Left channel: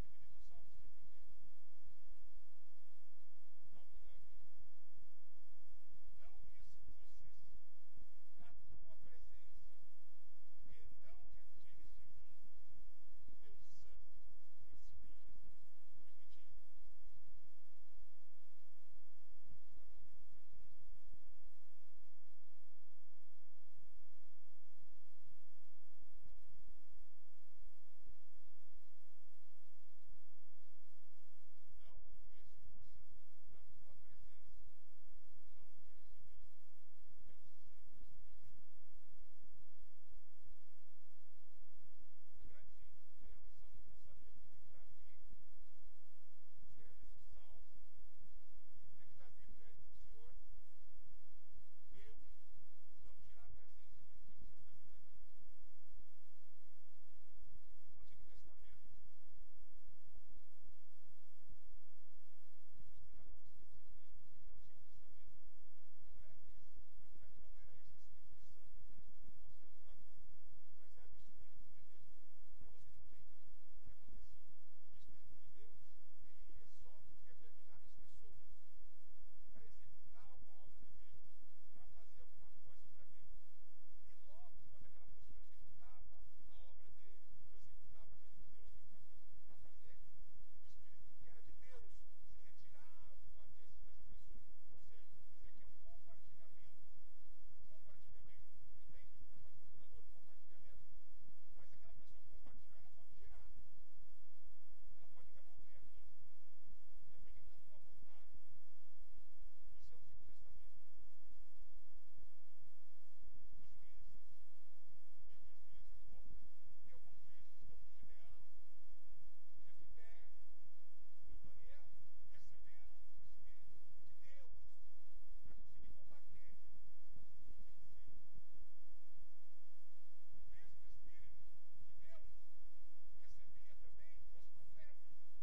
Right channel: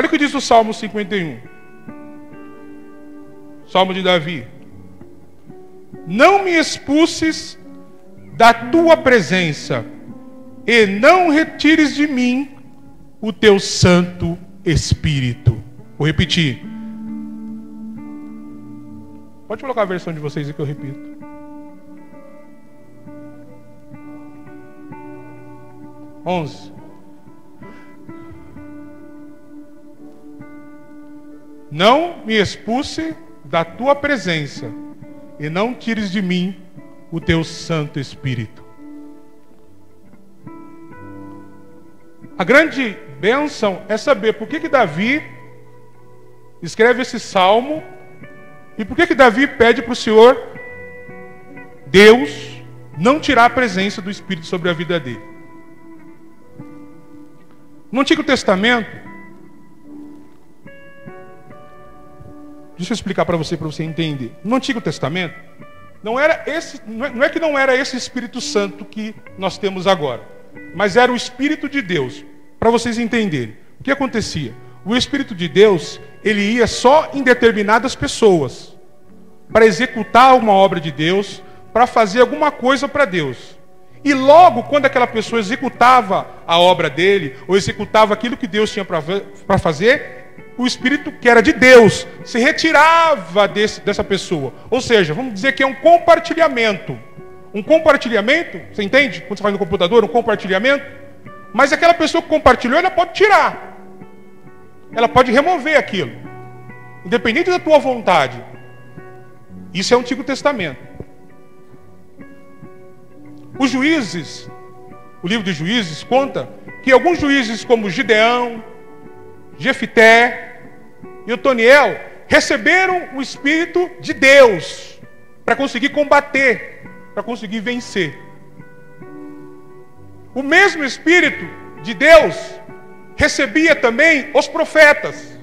Olha o que diz o Salmo 51. Salmo de Davi. Não me expulses da tua presença, e não retires de mim o teu Santo Espírito. Vou repetir. Pode colocar a versão de vocês aí que eu repito. Não me expulse da tua presença, e não tires de mim o teu Santo Espírito. A grande bênção é saber por que Davi escreve esse salmo e por que Davi pede para o Senhor, Deus, não tirar a presença do Espírito sobre a vida dele. No Antigo Testamento, deixa eu explicar para você entender. No Antigo Testamento, não é que não era esse Espírito Santo que nós temos agora, mas era o Espírito de Deus. Para vocês entenderem, o que acontecia? O Espírito de Deus, ele ia só em determinadas pessoas, para executar uma obra de Deus, para fazer alguma coisa para Deus. E logo, quando aquela pessoa executava a obra dele, ou executava aquilo que Deus tinha para fazer, o Espírito que era de Deus se retirava dessa pessoa. Ou seja, vamos dizer que é um compartilhamento. Um compartilhamento, você entende? Quando você faz no computador, um compartilhamento. Mas aquela pessoa que compartilhou, ela pode tirar. Ela pode remover aquilo. Independente da tua vontade. Isso é o Antigo Testamento. Os juízes, o livro de Juízes conta que alguns juízes como Gideão, Jefité e Otoniel receberam o Espírito de Deus para conseguir combater, para conseguir vencer. O mesmo Espírito de Deus recebia também os profetas,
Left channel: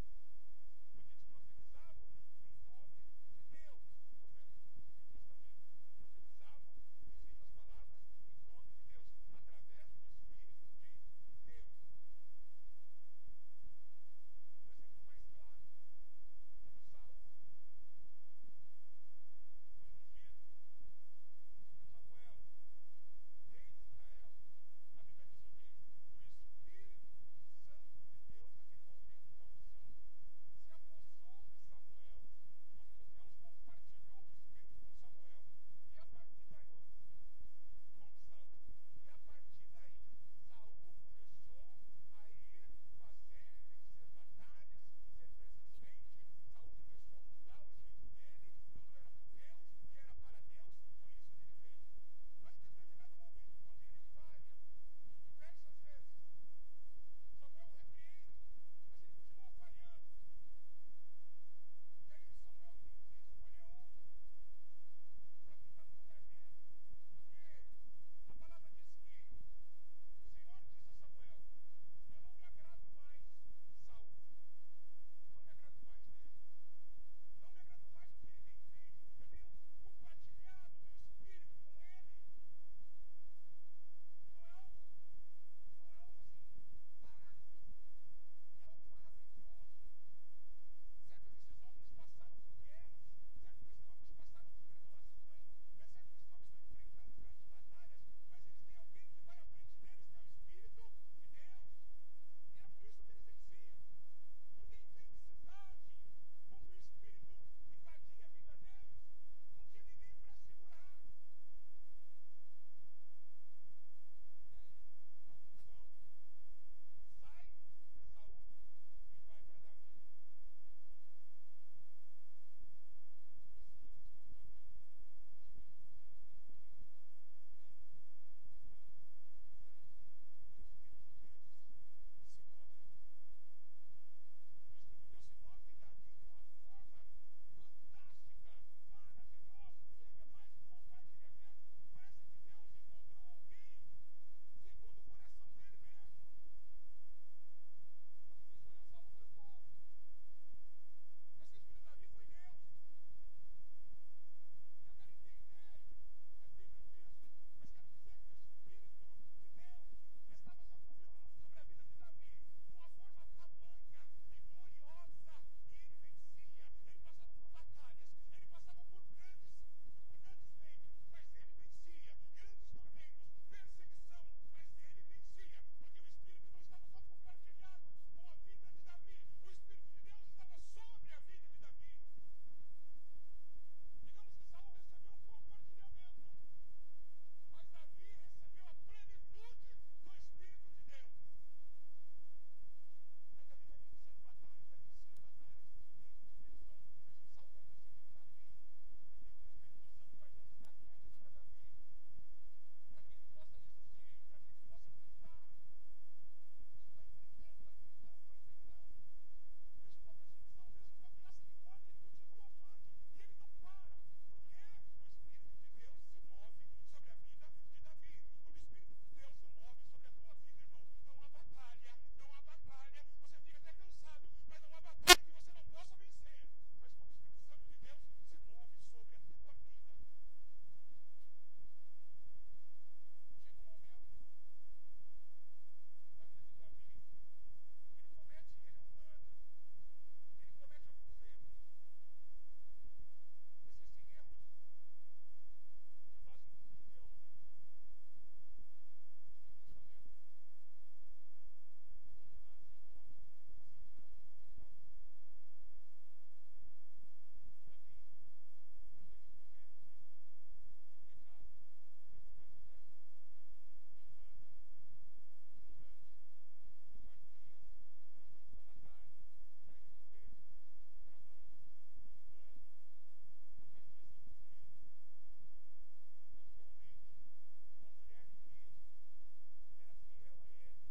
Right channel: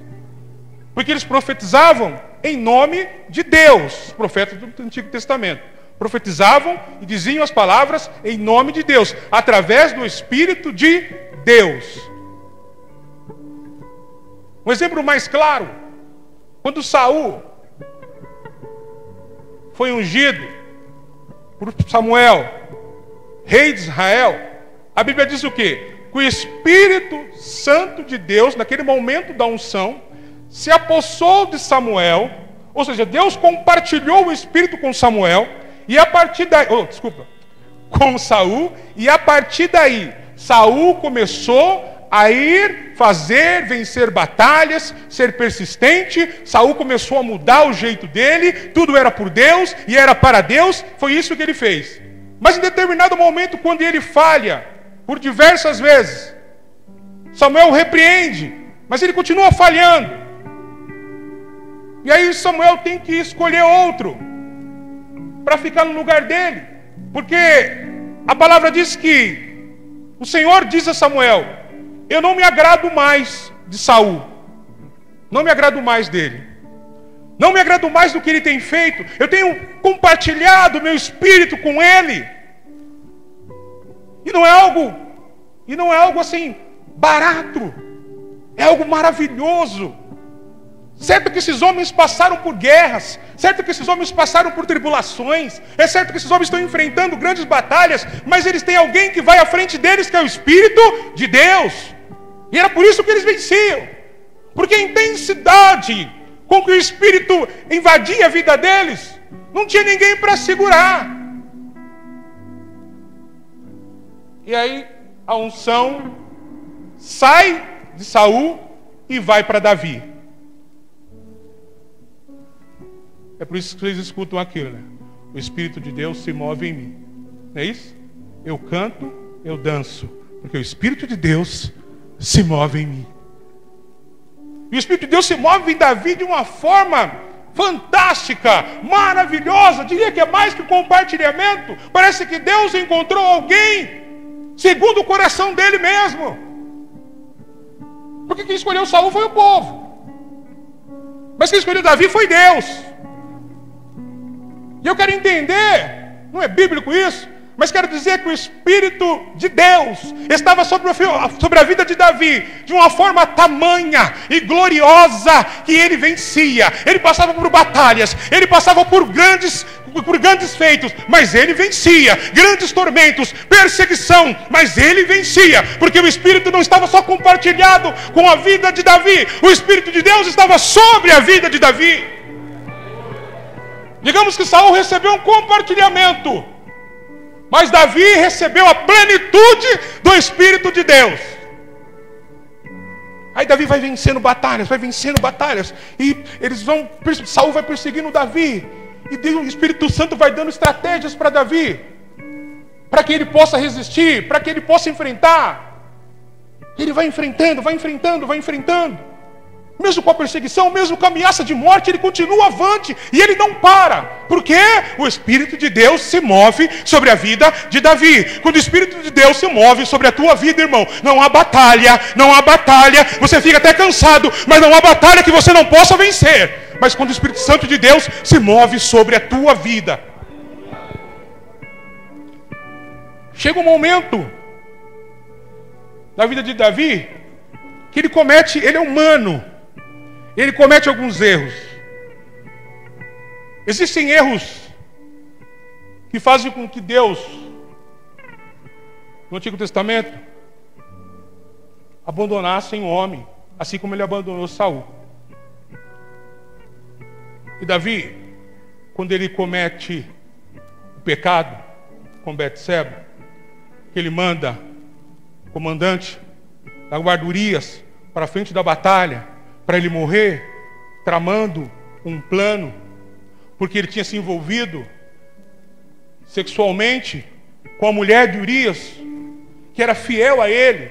porque eles profetizavam em nome de Deus, os profetas do Antigo Testamento. Profetizavam e diziam as palavras em nome de Deus, através do Espírito de Deus. Um exemplo mais claro, quando Saul foi ungido por Samuel, rei de Israel, a Bíblia diz o quê? Que o Espírito Santo de Deus, naquele momento da unção, se apossou de Samuel, ou seja, Deus compartilhou o Espírito com Samuel, e a partir daí, com Saul, e a partir daí, Saul começou a vencer batalhas, ser persistente. Saul começou a mudar o jeito dele, tudo era por Deus e era para Deus, foi isso que ele fez. Mas em determinado momento, quando ele falha, por diversas vezes, Samuel o repreende, mas ele continua falhando. E aí Samuel tem que escolher outro para ficar no lugar dele, porque a palavra diz que o Senhor diz a Samuel: eu não me agrado mais de Saul, não me agrado mais dele, não me agrado mais do que ele tem feito, eu tenho compartilhado meu espírito com ele, e não é algo assim barato, é algo maravilhoso. Certo que esses homens passaram por guerras, certo que esses homens passaram por tribulações, é certo que esses homens estão enfrentando grandes batalhas, mas eles têm alguém que vai à frente deles, que é o Espírito de Deus. E era por isso que eles venciam, porque a intensidade com que o Espírito invadia a vida deles, não tinha ninguém para segurar. E aí a unção sai de Saul e vai para Davi. É por isso que vocês escutam aquilo, né? O Espírito de Deus se move em mim. Não é isso? Eu canto, eu danço, porque o Espírito de Deus se move em mim. E o Espírito de Deus se move em Davi de uma forma fantástica, maravilhosa. Diria que é mais que compartilhamento. Parece que Deus encontrou alguém segundo o coração dele mesmo. Porque quem escolheu Saul foi o povo, mas quem escolheu Davi foi Deus. E eu quero entender, não é bíblico isso, Mas quero dizer que o Espírito de Deus estava sobre a vida de Davi de uma forma tamanha e gloriosa que ele vencia. Ele passava por batalhas, ele passava por grandes feitos, mas ele vencia. Grandes tormentos, perseguição, mas ele vencia. Porque o Espírito não estava só compartilhado com a vida de Davi, o Espírito de Deus estava sobre a vida de Davi. Digamos que Saul recebeu um compartilhamento, mas Davi recebeu a plenitude do Espírito de Deus. Aí Davi vai vencendo batalhas, e Saul vai perseguindo Davi, e o Espírito Santo vai dando estratégias para Davi, para que ele possa resistir, para que ele possa enfrentar. Ele vai enfrentando, mesmo com a perseguição, mesmo com a ameaça de morte, ele continua avante, e ele não para, porque o Espírito de Deus se move sobre a vida de Davi. Quando o Espírito de Deus se move sobre a tua vida, irmão, não há batalha, você fica até cansado, mas não há batalha que você não possa vencer. Mas quando o Espírito Santo de Deus se move sobre a tua vida, chega um momento na vida de Davi que ele é humano, ele comete alguns erros. Existem erros que fazem com que Deus, no Antigo Testamento, abandonasse um homem, assim como ele abandonou Saul. E Davi, quando ele comete o pecado com Betseba, que ele manda o comandante da guarda Urias para a frente da batalha, para ele morrer, tramando um plano, porque ele tinha se envolvido sexualmente com a mulher de Urias, que era fiel a ele.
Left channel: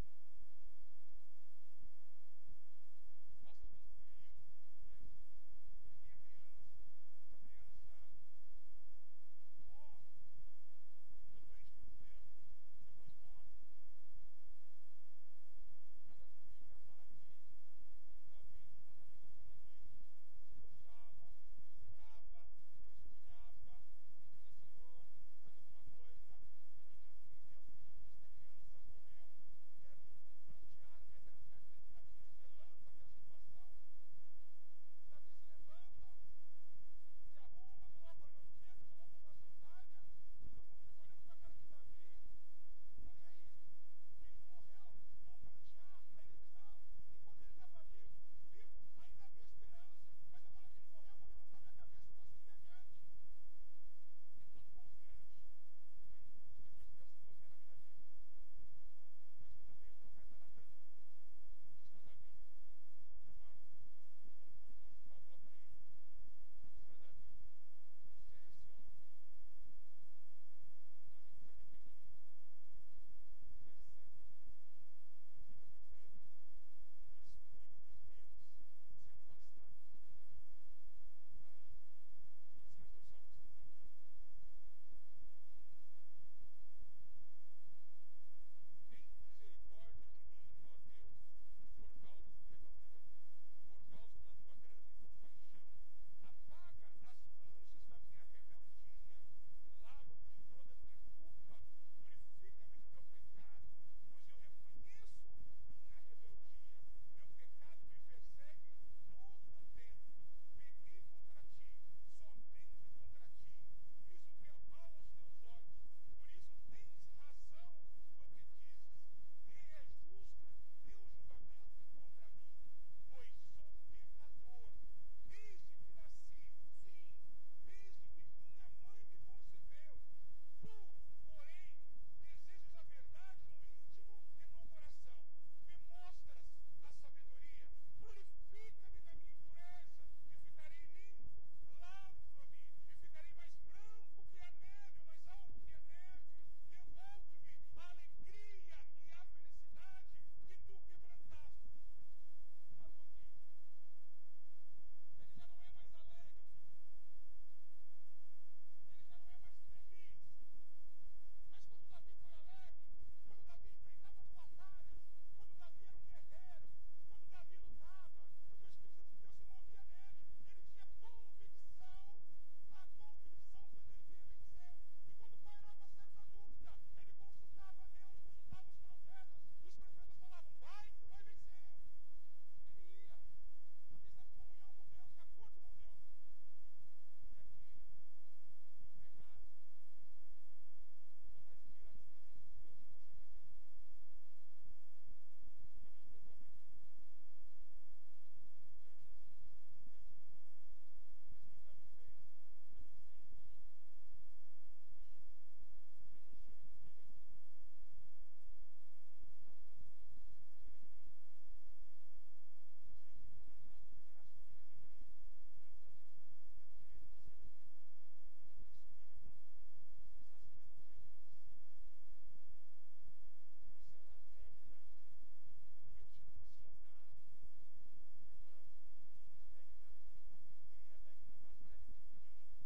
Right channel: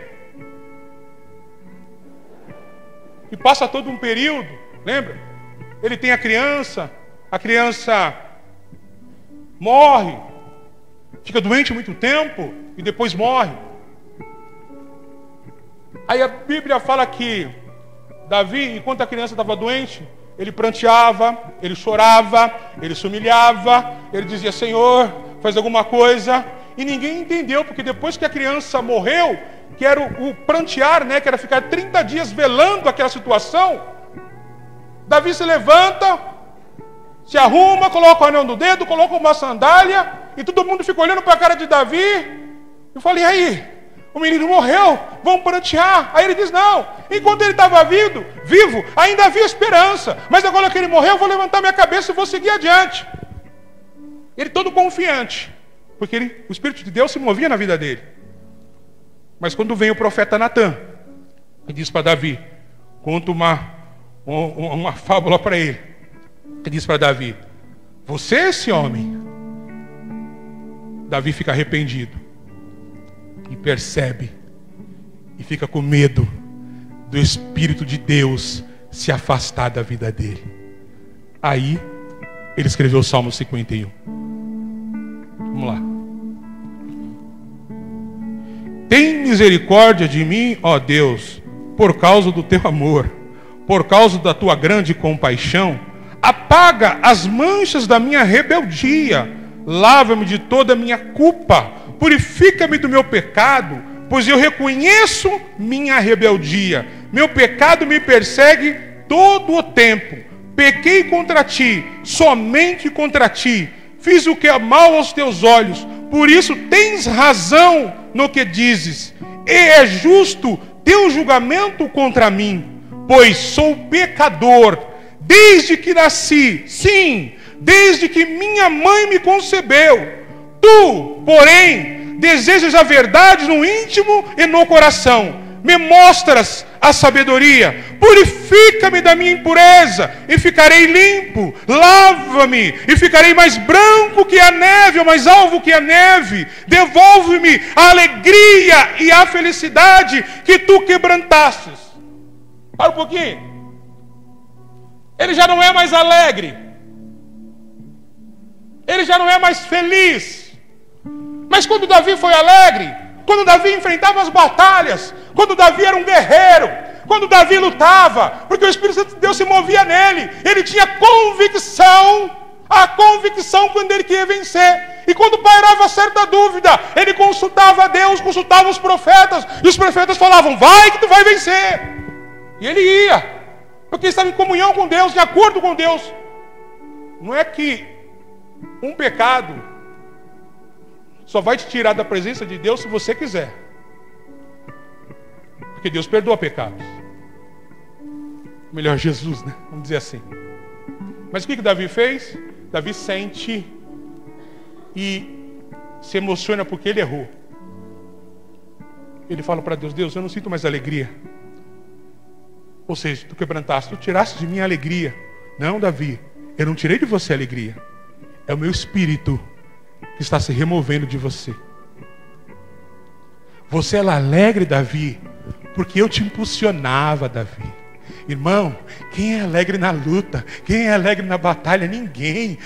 E passa todo um período, lembra? Ele tem a criança morre, fica doente muito tempo e depois morre. Aí a Bíblia fala que Davi, enquanto a criança estava doente, ele pranteava, ele chorava, ele se humilhava, ele dizia: Senhor, faz alguma coisa. E ninguém entendeu, porque depois que a criança morreu, que era o prantear, né, que era ficar 30 dias velando aquela situação, Davi se levanta, se arruma, coloca o anel no dedo, coloca uma sandália, e todo mundo fica olhando para a cara de Davi. Eu falei: e aí? O menino morreu, vamos prantear. Aí ele diz: não, enquanto ele estava vivo, ainda havia esperança, mas agora que ele morreu, eu vou levantar minha cabeça e vou seguir adiante. Ele todo confiante, porque o Espírito de Deus se movia na vida dele. Mas quando vem o profeta Natã e diz para Davi, conta uma fábula para ele, e diz para Davi: você é esse homem. Davi fica arrependido e percebe, e fica com medo do Espírito de Deus se afastar da vida dele. Aí ele escreveu o Salmo 51. Vamos lá. Tem misericórdia de mim, ó Deus, por causa do teu amor, por causa da tua grande compaixão. Apaga as manchas da minha rebeldia, lava-me de toda a minha culpa, purifica-me do meu pecado, pois eu reconheço minha rebeldia. Meu pecado me persegue todo o tempo. Pequei contra ti, somente contra ti. Fiz o que é mal aos teus olhos. Por isso tens razão no que dizes. E é justo teu julgamento contra mim, pois sou pecador desde que nasci. Sim, desde que minha mãe me concebeu. Tu, porém, desejas a verdade no íntimo e no coração. Me mostras a sabedoria. Purifica-me da minha impureza e ficarei limpo. Lava-me e ficarei mais branco que a neve, ou mais alvo que a neve. Devolve-me a alegria e a felicidade que tu quebrantastes. Para um pouquinho. Ele já não é mais alegre. Ele já não é mais feliz. Mas quando Davi foi alegre, quando Davi enfrentava as batalhas, quando Davi era um guerreiro, quando Davi lutava, porque o Espírito Santo de Deus se movia nele, ele tinha convicção a convicção quando ele queria vencer. E quando pairava certa dúvida, ele consultava a Deus, consultava os profetas, e os profetas falavam: vai que tu vai vencer. E ele ia, porque estava em comunhão com Deus, de acordo com Deus. Não é que um pecado só vai te tirar da presença de Deus se você quiser, porque Deus perdoa pecados. Melhor Jesus, né? Vamos dizer assim. Mas o que Davi fez? Davi sente e se emociona porque ele errou. Ele fala para Deus: Deus, eu não sinto mais alegria. Ou seja, tu quebrantaste, tu tiraste de mim a alegria. Não, Davi, eu não tirei de você a alegria. É o meu espírito que está se removendo de você. Você era alegre, Davi, porque eu te impulsionava, Davi. Irmão, quem é alegre na luta? Quem é alegre na batalha? Ninguém.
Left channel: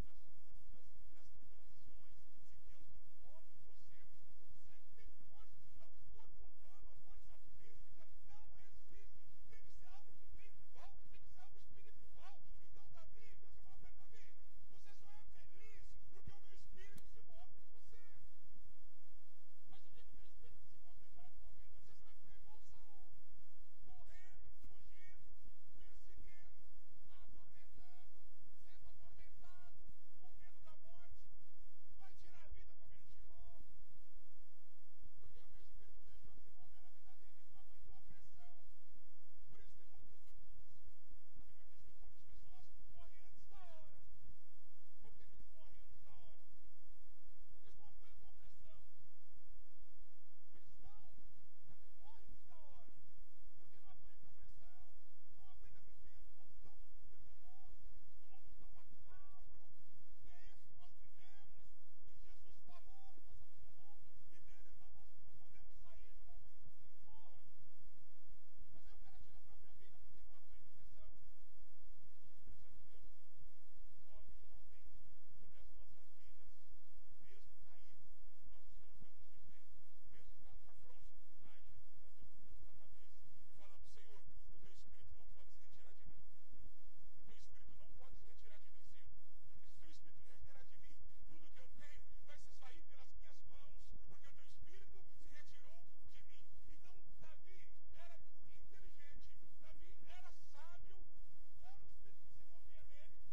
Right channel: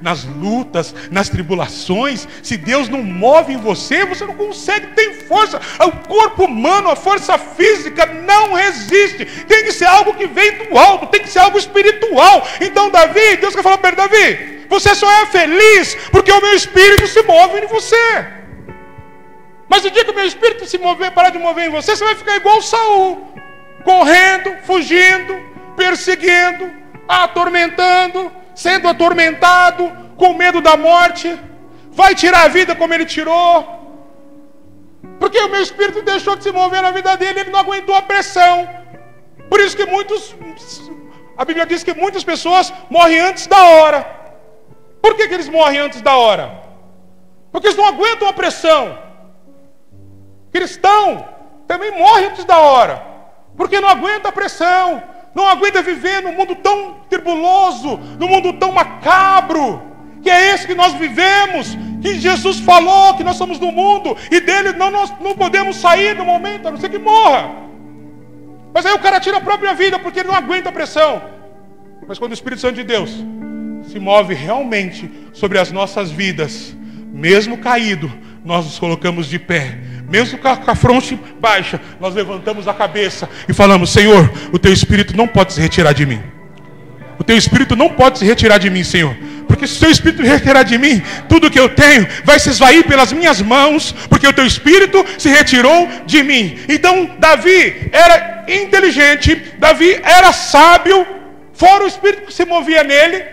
Nas lutas, nas tribulações, se Deus não move em você, você não consegue, tem força. O corpo humano, a força física não resiste. Tem que ser algo que vem do alto, tem que ser algo espiritual. Então Davi, Deus quer falar para ele: Davi, você só é feliz porque o meu espírito se move em você. Mas o dia que o meu espírito se mover, parar de mover em você, você vai ficar igual Saul, correndo, fugindo, perseguindo, atormentando, sendo atormentado, com medo da morte. Vai tirar a vida como ele tirou, porque o meu espírito deixou de se mover na vida dele. Ele não aguentou a pressão. Por isso que a Bíblia diz que muitas pessoas morrem antes da hora. Por que eles morrem antes da hora? Porque eles não aguentam a pressão. Cristão também morre antes da hora, porque não aguenta a pressão, não aguenta viver num mundo tão tribuloso, num mundo tão macabro, que é esse que nós vivemos, que Jesus falou que nós somos do mundo, e dele nós não podemos sair no momento, a não ser que morra. Mas aí o cara tira a própria vida, porque ele não aguenta a pressão. Mas quando o Espírito Santo de Deus se move realmente sobre as nossas vidas, mesmo caído, nós nos colocamos de pé. Mesmo com a fronte baixa, nós levantamos a cabeça e falamos: Senhor, o teu Espírito não pode se retirar de mim. O teu Espírito não pode se retirar de mim, Senhor. Porque se o teu Espírito retirar de mim, tudo que eu tenho vai se esvair pelas minhas mãos, porque o teu Espírito se retirou de mim. Então Davi era inteligente, Davi era sábio, fora o Espírito que se movia nele,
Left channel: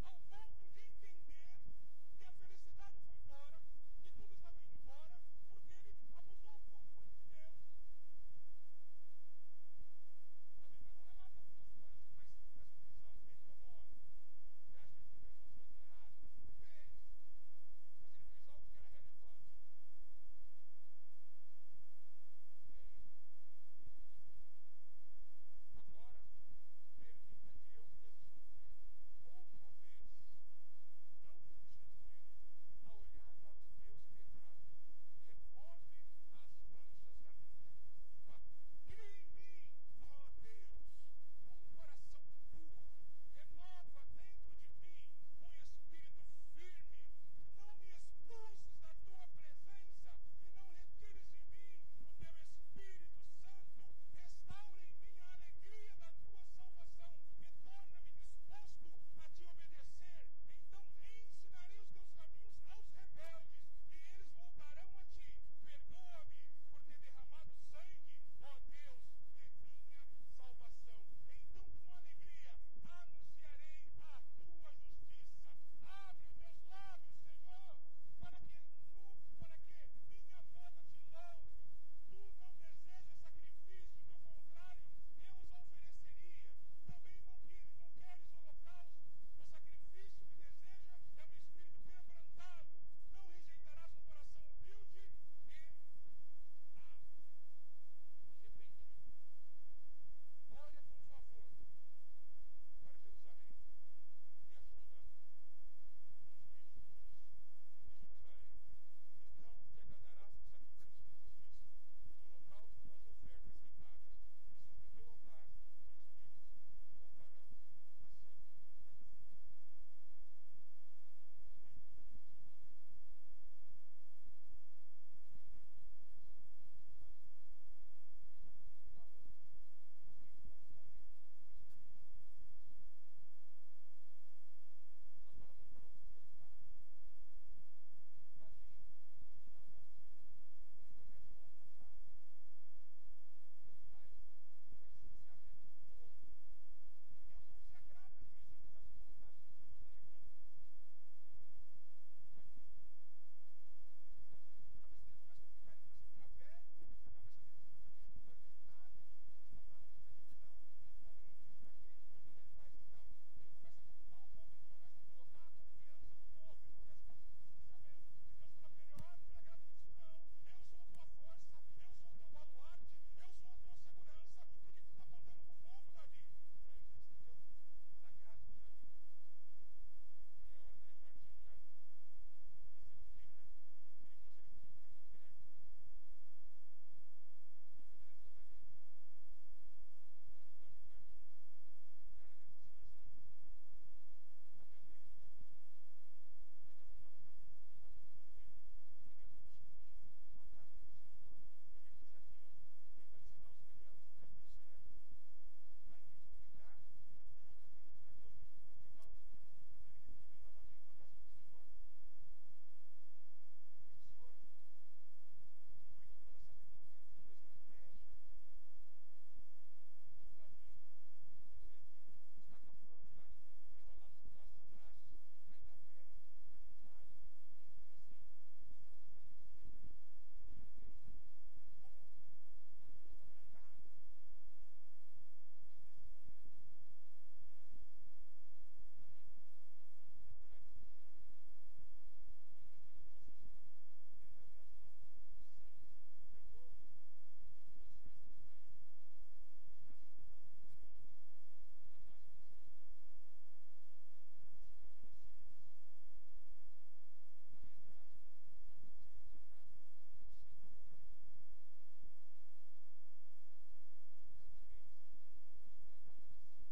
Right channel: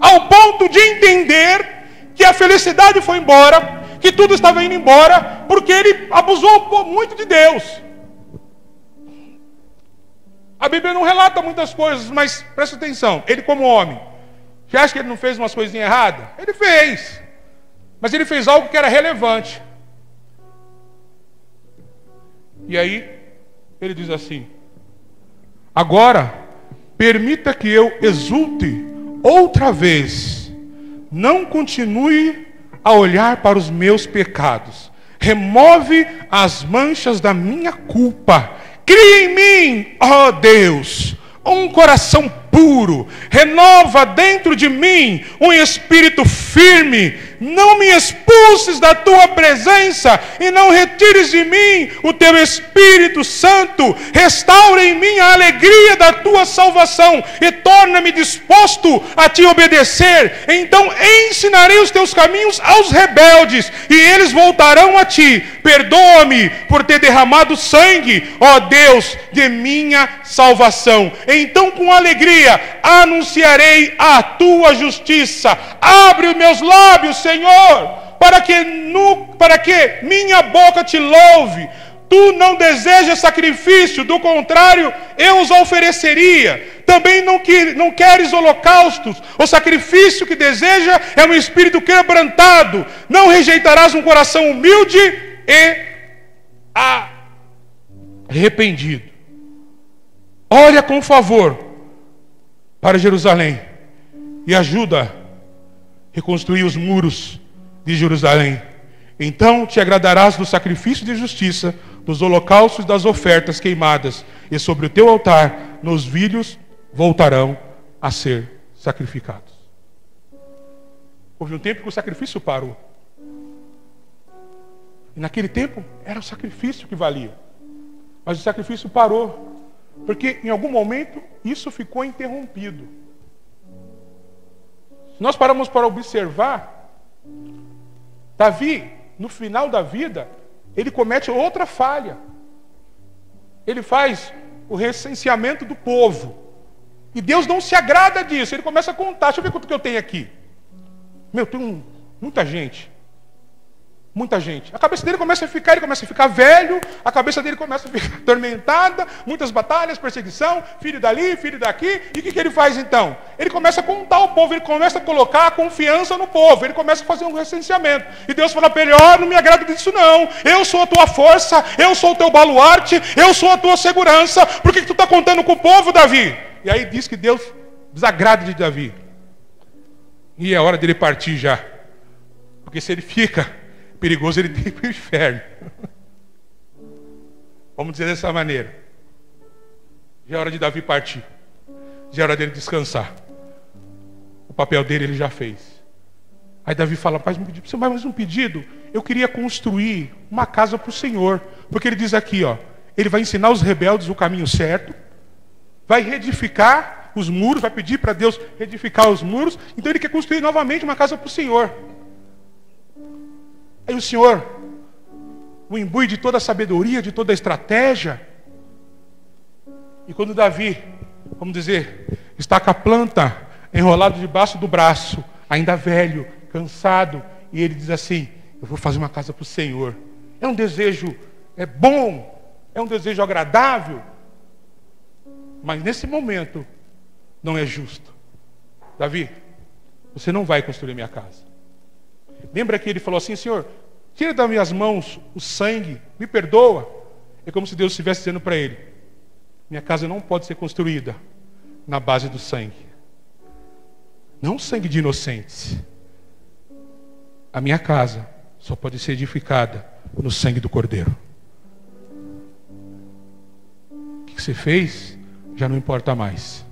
ao ponto de entender que a felicidade foi embora, que tudo estava indo embora, porque ele abusou muito de Deus. A Bíblia não relata muitas coisas, mas presta atenção, ele como homem, você acha que ele não fez umas coisinhas erradas? Ele fez, mas ele fez algo que era relevante. E aí ele diz assim: agora permita que eu exulte outra vez, não continue a olhar para os meus pecados, remove as manchas da minha culpa, cria em mim, ó Deus, um coração puro, renova dentro de mim um espírito firme, não me expulses da tua presença e não retires de mim o teu Espírito Santo, restaura em mim a alegria da tua salvação e torna-me disposto a te obedecer. Então ensinarei os teus caminhos aos rebeldes e eles voltarão a ti. Perdoa-me por ter derramado sangue, ó Deus, de minha salvação. Então com alegria anunciarei a tua justiça. Abre os meus lábios, Senhor, para que minha boca te louve. Tu não desejas sacrifício, do contrário, eu os ofereceria. Também não queres holocaustos. O sacrifício que deseja é um espírito quebrantado. Não rejeitarás um coração humilde e arrependido. Olha com favor para Jerusalém e ajuda a reconstruir os muros de Jerusalém. Então te agradarás do sacrifício de justiça, dos holocaustos e das ofertas queimadas, e sobre o teu altar novilhos voltarão a ser sacrificados. Houve um tempo que o sacrifício parou. E naquele tempo era o sacrifício que valia. Mas o sacrifício parou, porque em algum momento isso ficou interrompido. Se nós paramos para observar, Davi, no final da vida, ele comete outra falha. Ele faz o recenseamento do povo. E Deus não se agrada disso. Ele começa a contar. Deixa eu ver quanto que eu tenho aqui. Tem muita gente. Muita gente. A cabeça dele começa a ficar, ele começa a ficar velho, a cabeça dele começa a ficar atormentada, muitas batalhas, perseguição, filho dali, filho daqui. E o que ele faz então? Ele começa a contar o povo, ele começa a colocar a confiança no povo, ele começa a fazer um recenseamento. E Deus fala para ele: ó, não me agrada disso não. Eu sou a tua força, eu sou o teu baluarte, eu sou a tua segurança. Por que tu está contando com o povo, Davi? E aí diz que Deus desagrada de Davi. E é hora dele partir já. Porque se ele fica, perigoso ele tem para o inferno. Vamos dizer dessa maneira. Já é hora de Davi partir. Já é hora dele descansar. O papel dele ele já fez. Aí Davi fala: pai, me pediu mais um pedido. Eu queria construir uma casa para o Senhor. Porque ele diz aqui, ó, ele vai ensinar os rebeldes o caminho certo, vai reedificar os muros, vai pedir para Deus reedificar os muros. Então ele quer construir novamente uma casa para o Senhor. Aí o Senhor o imbui de toda a sabedoria, de toda a estratégia. E quando Davi, vamos dizer, está com a planta enrolada debaixo do braço, ainda velho, cansado, e ele diz assim: eu vou fazer uma casa para o Senhor. É um desejo bom, é um desejo agradável, mas nesse momento não é justo. Davi, você não vai construir minha casa. Lembra que ele falou assim: Senhor, tira das minhas mãos o sangue, me perdoa. É como se Deus estivesse dizendo para ele: minha casa não pode ser construída na base do sangue. Não sangue de inocentes. A minha casa só pode ser edificada no sangue do Cordeiro. O que você fez já não importa mais.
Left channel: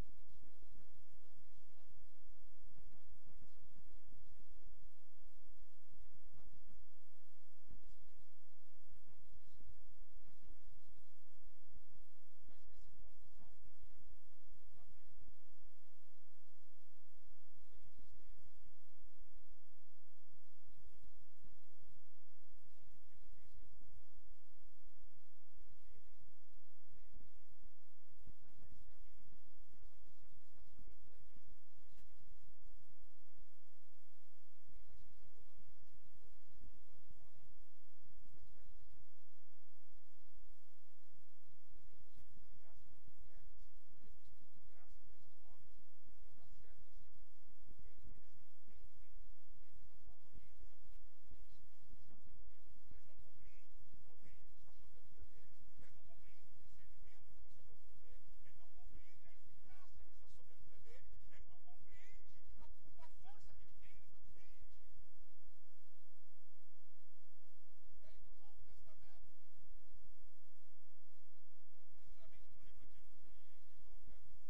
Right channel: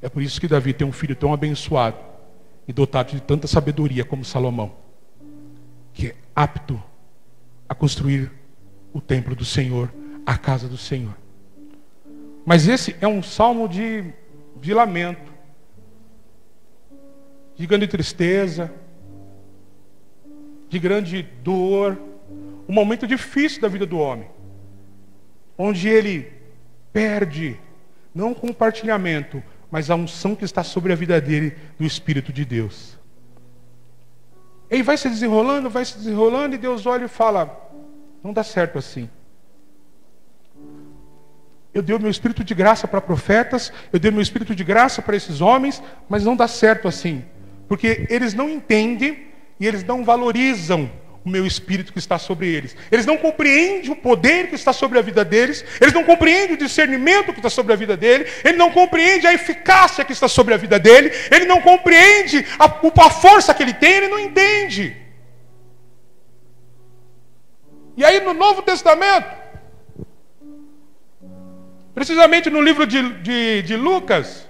É por isso que Davi tem um filho tão abençoado e dotado de tanta sabedoria como Salomão, que é apto a construir o templo do Senhor, a casa do Senhor. Mas esse é um salmo de lamento, de grande tristeza, de grande dor, um momento difícil da vida do homem, onde ele perde, não o compartilhamento, mas a unção que está sobre a vida dele, do Espírito de Deus. Ele vai se desenrolando, e Deus olha e fala: não dá certo assim. Eu dei o meu Espírito de graça para profetas, eu dei o meu Espírito de graça para esses homens, mas não dá certo assim, porque eles não entendem e eles não valorizam o meu Espírito que está sobre eles. Eles não compreendem o poder que está sobre a vida deles, eles não compreendem o discernimento que está sobre a vida dele, ele não compreende a eficácia que está sobre a vida dele, ele não compreende a força que ele tem, ele não entende. E aí no Novo Testamento, precisamente no livro de Lucas,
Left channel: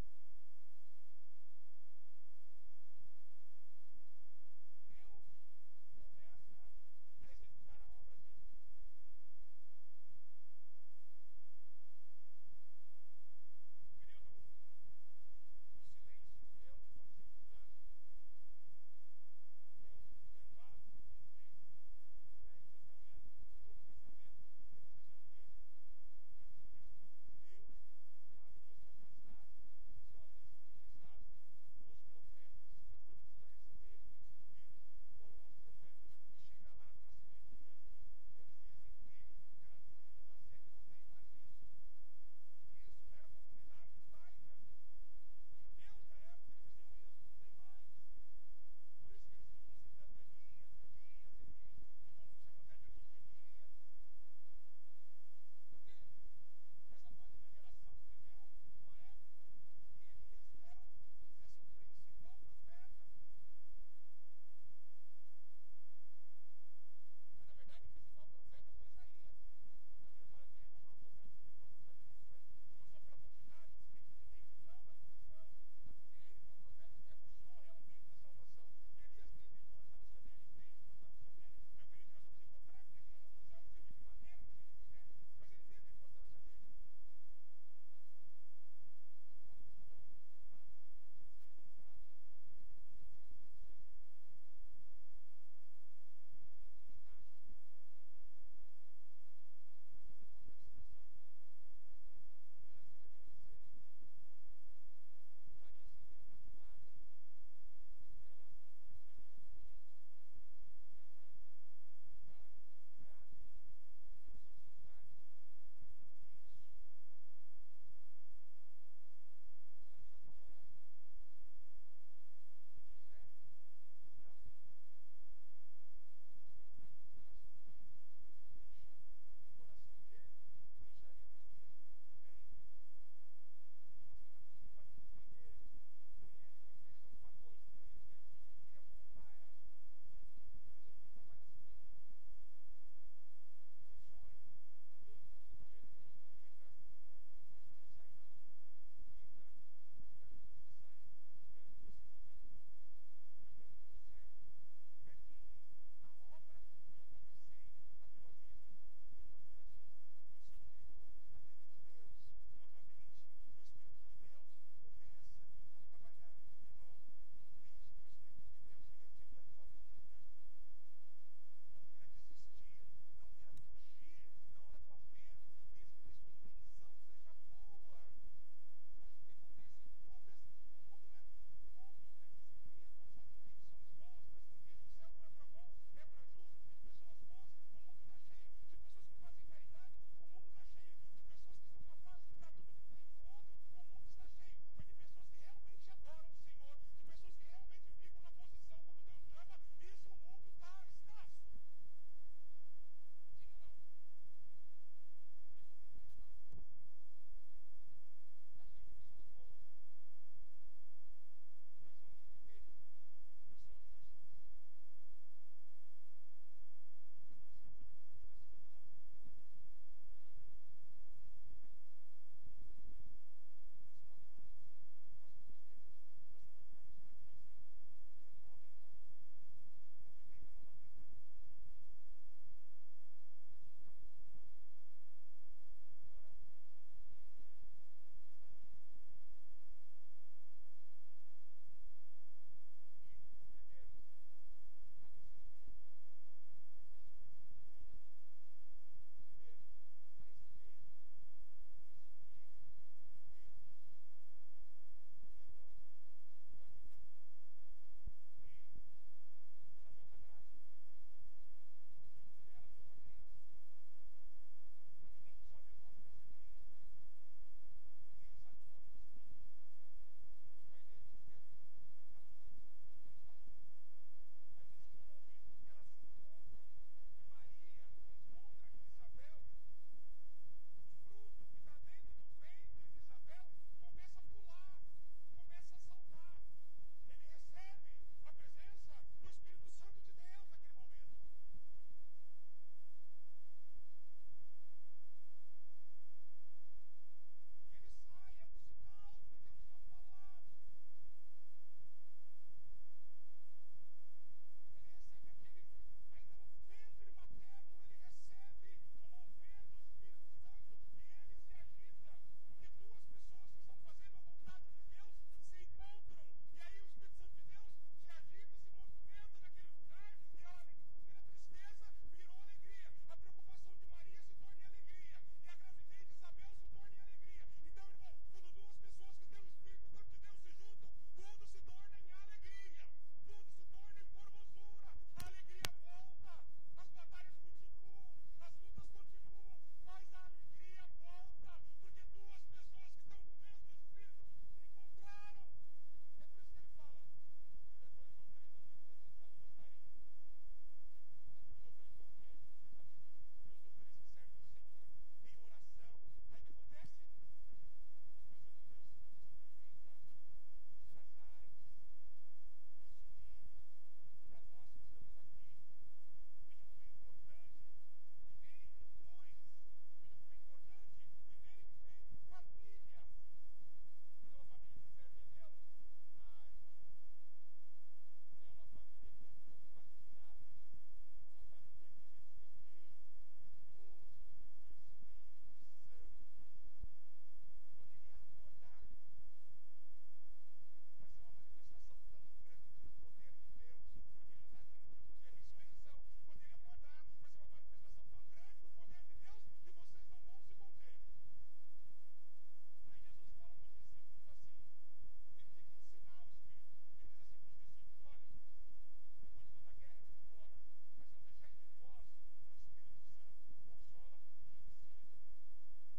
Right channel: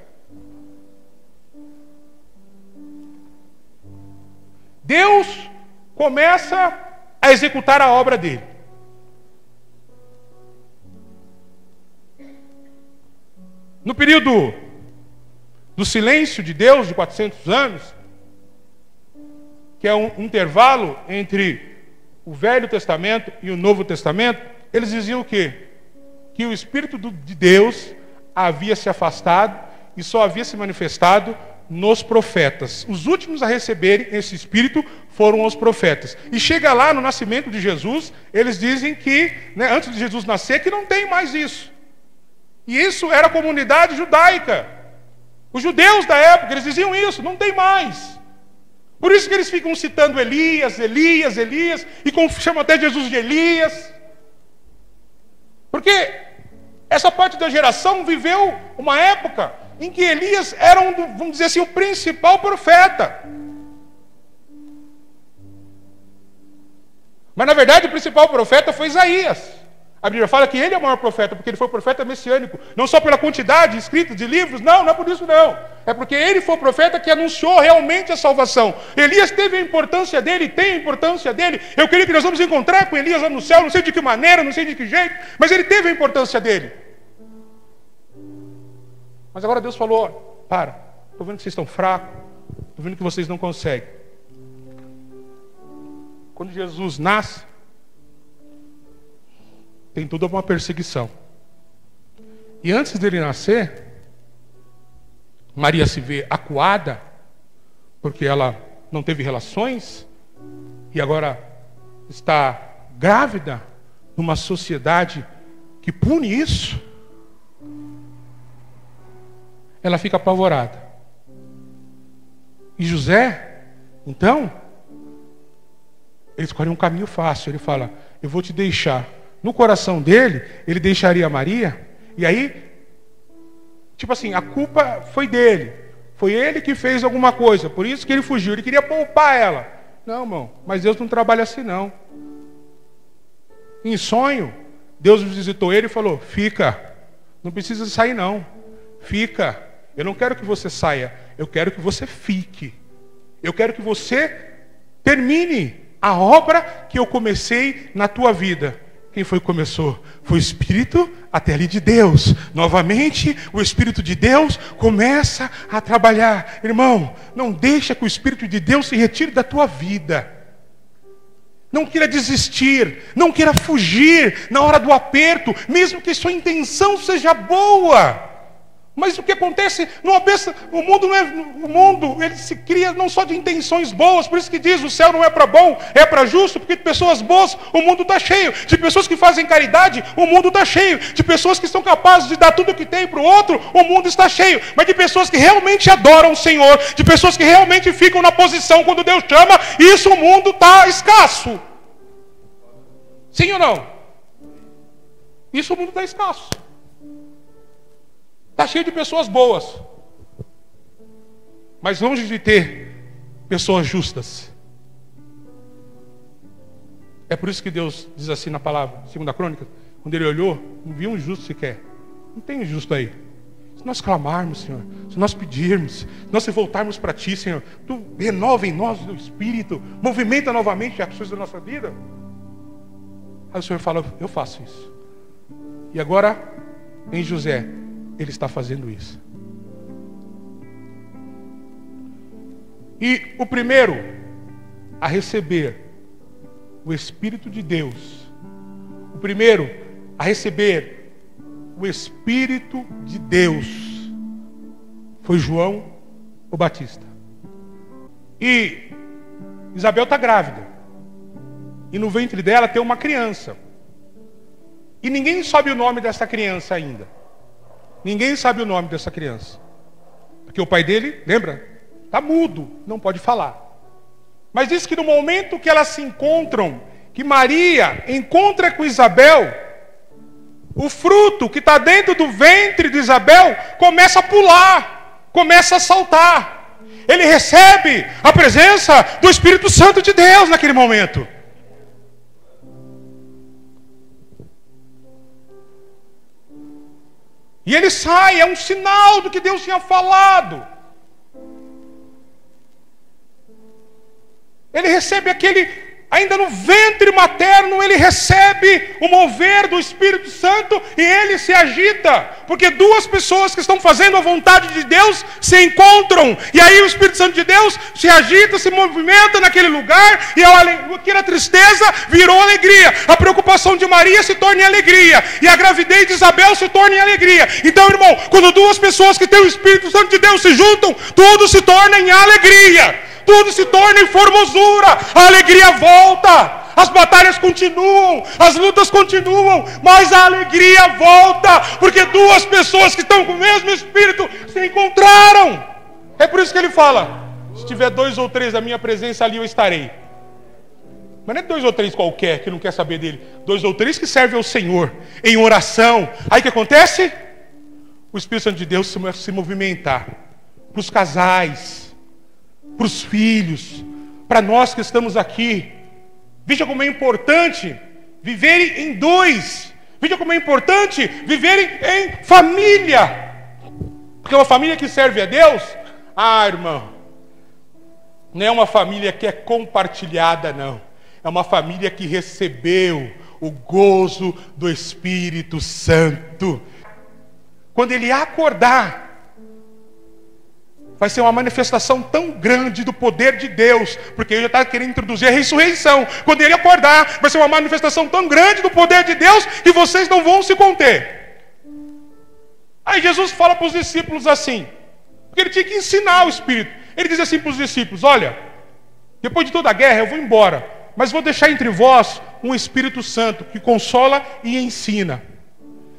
Deus começa a executar a obra dele. No período do silêncio de Deus, de 400 anos, que é um intervalo entre o Velho Testamento e o Novo Testamento, eles diziam o quê? Que o Espírito de Deus havia se afastado e só havia se manifestado nos profetas. Os últimos a receberem esse Espírito foram os profetas. E chega lá no nascimento de Jesus, eles dizem que, antes de Jesus nascer, que não tem mais isso. E isso era a comunidade judaica. Os judeus da época, eles diziam isso, não tem mais. Por isso que eles ficam citando Elias, e chamam até Jesus de Elias. Porque essa parte da geração viveu uma época em que Elias era vamos dizer assim, o principal profeta. Mas na verdade o principal profeta foi Isaías. A Bíblia fala que ele é o maior profeta, porque ele foi o profeta messiânico, não só pela quantidade escrita de livros, não é por isso não. É porque ele foi o profeta que anunciou realmente a salvação. Elias teve a importância dele, tem a importância dele. Eu creio que nós vamos encontrar com Elias lá no céu, não sei de que maneira, não sei de que jeito, mas ele teve a importância dele. Mas agora Deus falou: para, estou vendo que vocês estão fracos, Estou vendo que vocês não conseguem. Quando Jesus nasce, tem toda uma perseguição. E antes dele nascer, Maria se vê acuada, porque ela não teve relações, e agora está grávida numa sociedade que pune isso. Ela fica apavorada. E José, então, ele escolhe um caminho fácil. Ele fala, eu vou te deixar. No coração dele, ele deixaria Maria. E aí, tipo assim, a culpa foi dele. Foi ele que fez alguma coisa. Por isso que ele fugiu. Ele queria poupar ela. Não, irmão, mas Deus não trabalha assim, não. Em sonho, Deus visitou ele e falou, fica. Não precisa sair, não. Fica. Eu não quero que você saia. Eu quero que você fique. Eu quero que você termine a obra que eu comecei na tua vida. Quem foi que começou? Foi o Espírito até ali de Deus. Novamente, o Espírito de Deus começa a trabalhar. Irmão, não deixa que o Espírito de Deus se retire da tua vida. Não queira desistir, não queira fugir na hora do aperto, mesmo que sua intenção seja boa. Mas o que acontece o mundo não é, o mundo ele se cria não só de intenções boas, por isso que diz o céu não é para bom, é para justo, porque de pessoas boas o mundo está cheio, de pessoas que fazem caridade o mundo está cheio, de pessoas que são capazes de dar tudo o que tem para o outro, o mundo está cheio, mas de pessoas que realmente adoram o Senhor, de pessoas que realmente ficam na posição quando Deus chama, isso o mundo está escasso. Sim ou não? Isso o mundo está escasso. Está cheio de pessoas boas, mas longe de ter pessoas justas. É por isso que Deus diz assim na palavra, 2 Crônicas, quando ele olhou, não viu um justo sequer. Não tem um justo aí. Se nós clamarmos, Senhor, se nós pedirmos, se nós se voltarmos para Ti, Senhor, Tu renova em nós o Espírito, movimenta novamente as ações da nossa vida. Aí o Senhor fala, eu faço isso. E agora, em José, ele está fazendo isso. E o primeiro a receber o Espírito de Deus, o primeiro a receber o Espírito de Deus, foi João o Batista. E Isabel está grávida. E no ventre dela tem uma criança. E ninguém sabe o nome dessa criança ainda. Ninguém sabe o nome dessa criança. Porque o pai dele, lembra? Está mudo, não pode falar. Mas diz que no momento que elas se encontram, que Maria encontra com Isabel, o fruto que está dentro do ventre de Isabel começa a pular, começa a saltar. Ele recebe a presença do Espírito Santo de Deus naquele momento. E ele sai, é um sinal do que Deus tinha falado. Ele recebe ainda no ventre materno, ele recebe o mover do Espírito Santo e ele se agita, porque duas pessoas que estão fazendo a vontade de Deus se encontram, e aí o Espírito Santo de Deus se agita, se movimenta naquele lugar, e aquela tristeza virou alegria, a preocupação de Maria se torna em alegria, e a gravidez de Isabel se torna em alegria. Então, irmão, quando duas pessoas que têm o Espírito Santo de Deus se juntam, tudo se torna em alegria, tudo se torna em formosura, a alegria volta, as batalhas continuam, as lutas continuam, mas a alegria volta, porque duas pessoas que estão com o mesmo Espírito se encontraram. É por isso que ele fala, se tiver 2 ou 3 da minha presença ali eu estarei. Mas não é 2 ou 3 qualquer que não quer saber dele, 2 ou 3 que servem ao Senhor, em oração. Aí o que acontece? O Espírito Santo de Deus se movimentar, para os casais, para os filhos, para nós que estamos aqui. Veja como é importante viverem em dois. Veja como é importante viverem em família. Porque uma família que serve a Deus, irmão, não é uma família que é compartilhada, não. É uma família que recebeu o gozo do Espírito Santo. Quando ele acordar, vai ser uma manifestação tão grande do poder de Deus, porque ele já está querendo introduzir a ressurreição. Quando ele acordar, vai ser uma manifestação tão grande do poder de Deus que vocês não vão se conter. Aí Jesus fala para os discípulos assim, porque ele tinha que ensinar o Espírito. Ele diz assim para os discípulos: olha, depois de toda a guerra eu vou embora, mas vou deixar entre vós um Espírito Santo que consola e ensina.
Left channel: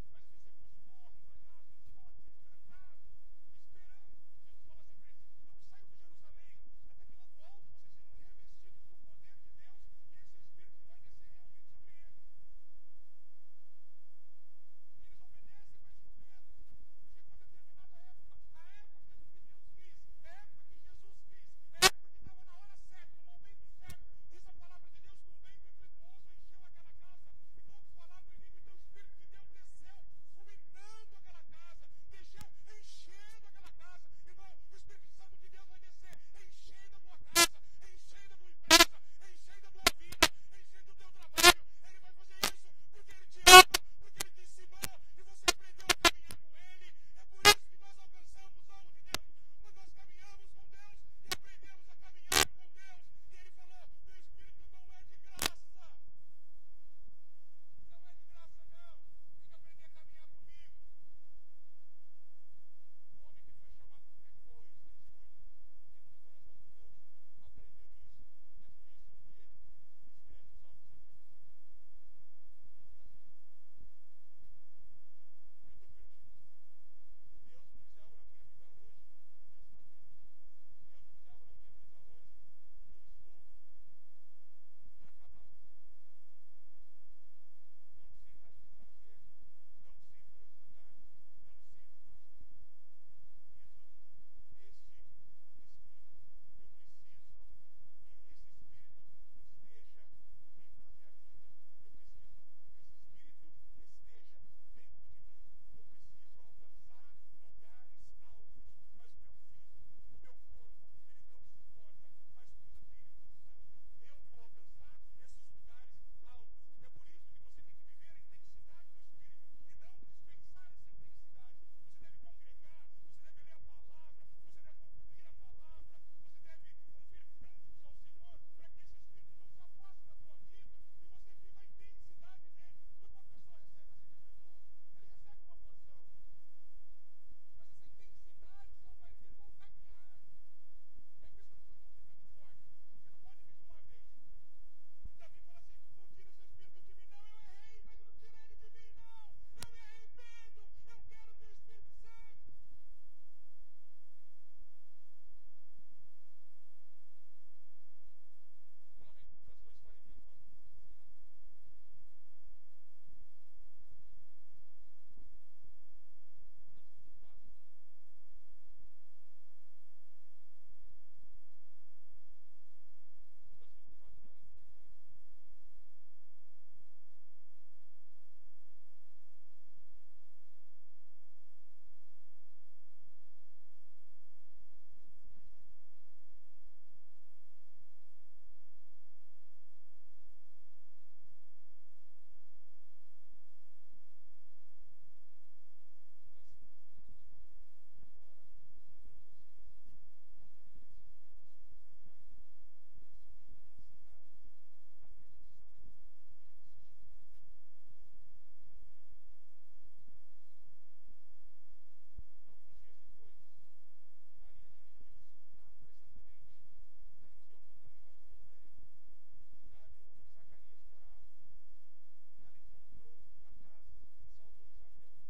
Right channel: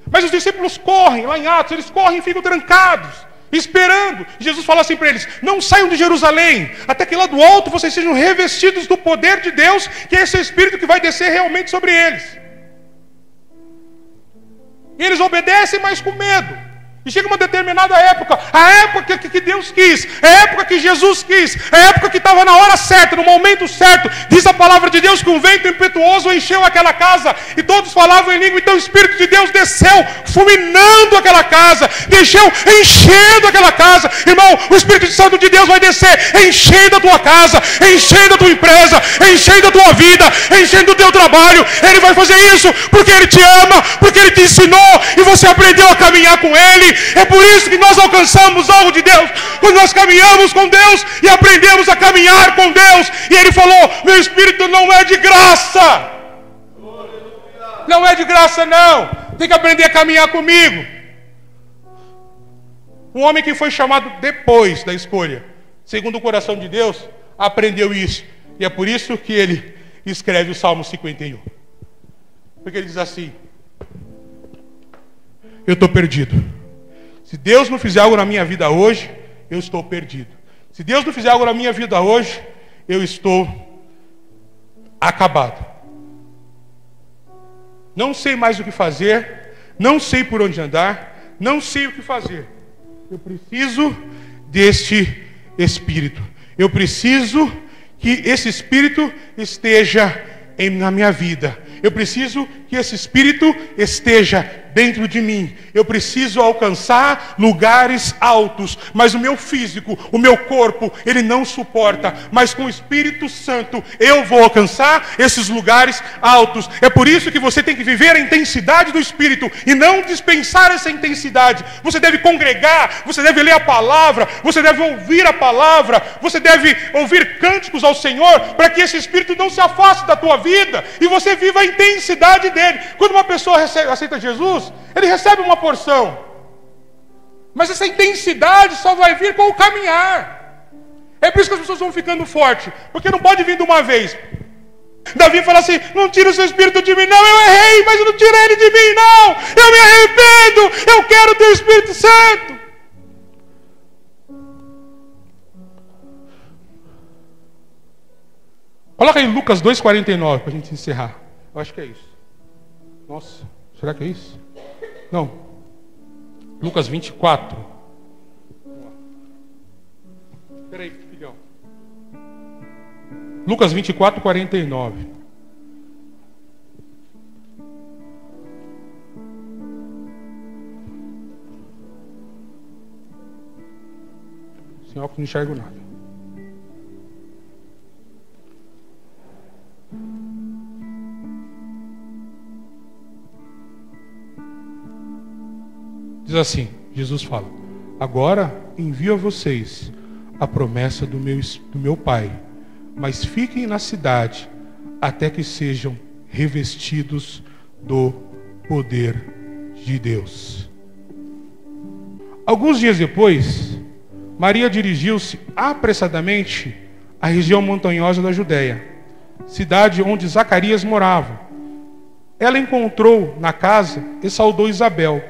Mas os discípulos correm, lá em Atos, eles correm e ficam trancados, esperando. Jesus fala assim para eles: não saiam de Jerusalém, até que lá do alto vocês sejam revestidos do poder de Deus, que é esse Espírito que vai descer realmente sobre eles. E eles obedecem, mas com medo. E chega uma determinada época, a época que Deus quis, a época que Jesus quis, a época que estava na hora certa, no momento certo. Diz a palavra de Deus que um vento impetuoso encheu aquela casa, e todos falavam em língua. Então o Espírito de Deus desceu, fulminando aquela casa, enchendo aquela casa. Irmão, o Espírito Santo de Deus vai descer, enchendo a tua casa, enchendo a tua empresa, enchendo a tua vida, enchendo o teu trabalho. Ele vai fazer isso porque Ele te ama, porque Ele te ensinou, e você aprendeu a caminhar com Ele. É por isso que nós alcançamos algo de Deus, quando nós caminhamos com Deus e aprendemos a caminhar com Deus. E Ele falou: meu Espírito não é de graça. Não é de graça não. Tem que aprender a caminhar comigo. Um homem que foi chamado depois da escolha, segundo o coração de Deus, aprendeu isso. E é por isso que ele escreve o Salmo 51. Porque ele diz assim: eu estou perdido. Se Deus não fizer algo na minha vida hoje, eu estou perdido. Se Deus não fizer algo na minha vida hoje, eu estou acabado. Não sei mais o que fazer, não sei por onde andar, não sei o que fazer. Eu preciso deste Espírito. Eu preciso que esse Espírito esteja na minha vida. Eu preciso que esse Espírito esteja dentro de mim. Eu preciso alcançar lugares altos, mas o meu físico, o meu corpo, ele não suporta. Mas com o Espírito Santo eu vou alcançar esses lugares altos. É por isso que você tem que viver a intensidade do Espírito e não dispensar essa intensidade. Você deve congregar, você deve ler a palavra, você deve ouvir a palavra, você deve ouvir cânticos ao Senhor, para que esse Espírito não se afaste da tua vida e você viva a intensidade dele. Quando uma pessoa aceita Jesus, ele recebe uma porção, mas essa intensidade só vai vir com o caminhar. É por isso que as pessoas vão ficando fortes, porque não pode vir de uma vez. Davi fala assim: não tira o seu Espírito de mim, não. Eu errei, mas eu não tirei ele de mim, não. Eu me arrependo, eu quero o teu Espírito Santo. Coloca aí Lucas 2,49 para a gente encerrar. Eu acho que é isso. Nossa, será que é isso? Não. Lucas 24. Espera aí, filhão. Lucas 24, 49. Sem óculos não enxergo nada. Diz assim, Jesus fala: agora envio a vocês a promessa do meu Pai, mas fiquem na cidade até que sejam revestidos do poder de Deus. Alguns dias depois, Maria dirigiu-se apressadamente à região montanhosa da Judéia, cidade onde Zacarias morava. Ela encontrou na casa e saudou Isabel.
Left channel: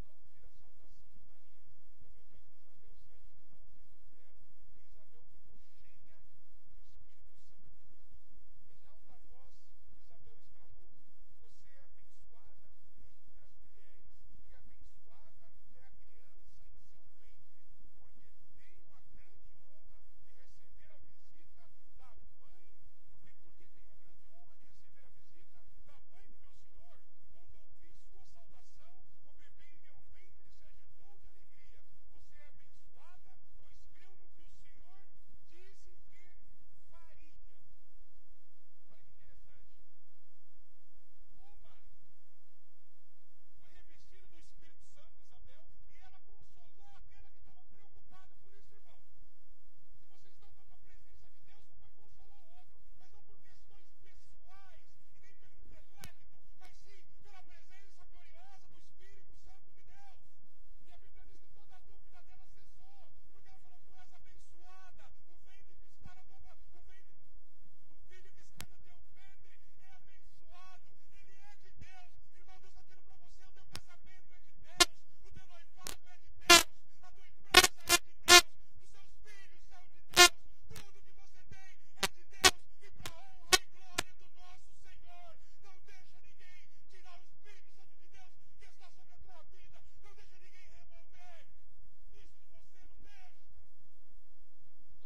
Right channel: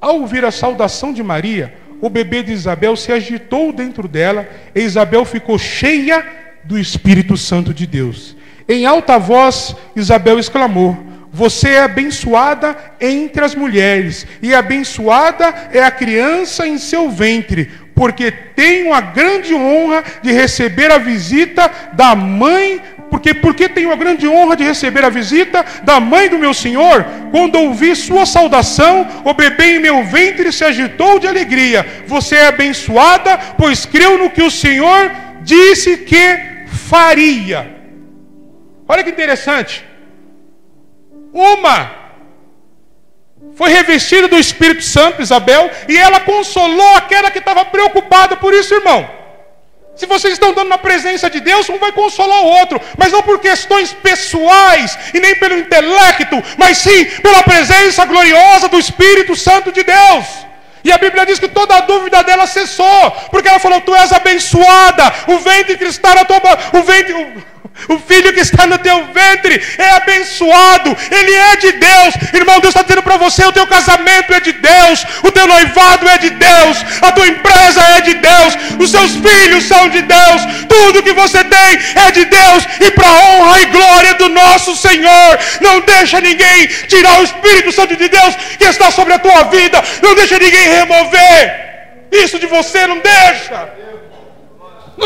Ao ouvir a saudação de Maria, o bebê de Isabel se agitou dentro dela e Isabel ficou cheia do Espírito Santo de Deus. Em alta voz, Isabel exclamou: você é abençoada entre as mulheres, e abençoada é a criança em seu ventre, porque tenho a grande honra de receber a visita da mãe, porque tenho a grande honra de receber a visita da mãe do meu Senhor. Quando ouvi sua saudação, o bebê em meu ventre se agitou de alegria. Você é abençoada, pois creu no que o Senhor disse que faria. Olha que interessante. Uma Foi revestida do Espírito Santo, Isabel, e ela consolou aquela que estava preocupada. Por isso, irmão, se vocês estão dando na presença de Deus, um vai consolar o outro, mas não por questões pessoais e nem pelo intelecto, mas sim pela presença gloriosa do Espírito Santo de Deus. E a Bíblia diz que toda a dúvida dela cessou, porque ela falou: tu és abençoada, o ventre que está na tua o filho que está no teu ventre é abençoado, ele é de Deus. Irmão, Deus está dizendo para você: o teu casamento é de Deus, o teu noivado é de Deus, a tua empresa é de Deus, os seus filhos são de Deus, tudo que você tem é de Deus, e para a honra e glória do nosso Senhor. Não deixa ninguém tirar o Espírito Santo de Deus que está sobre a tua vida, não deixa ninguém remover isso de você, não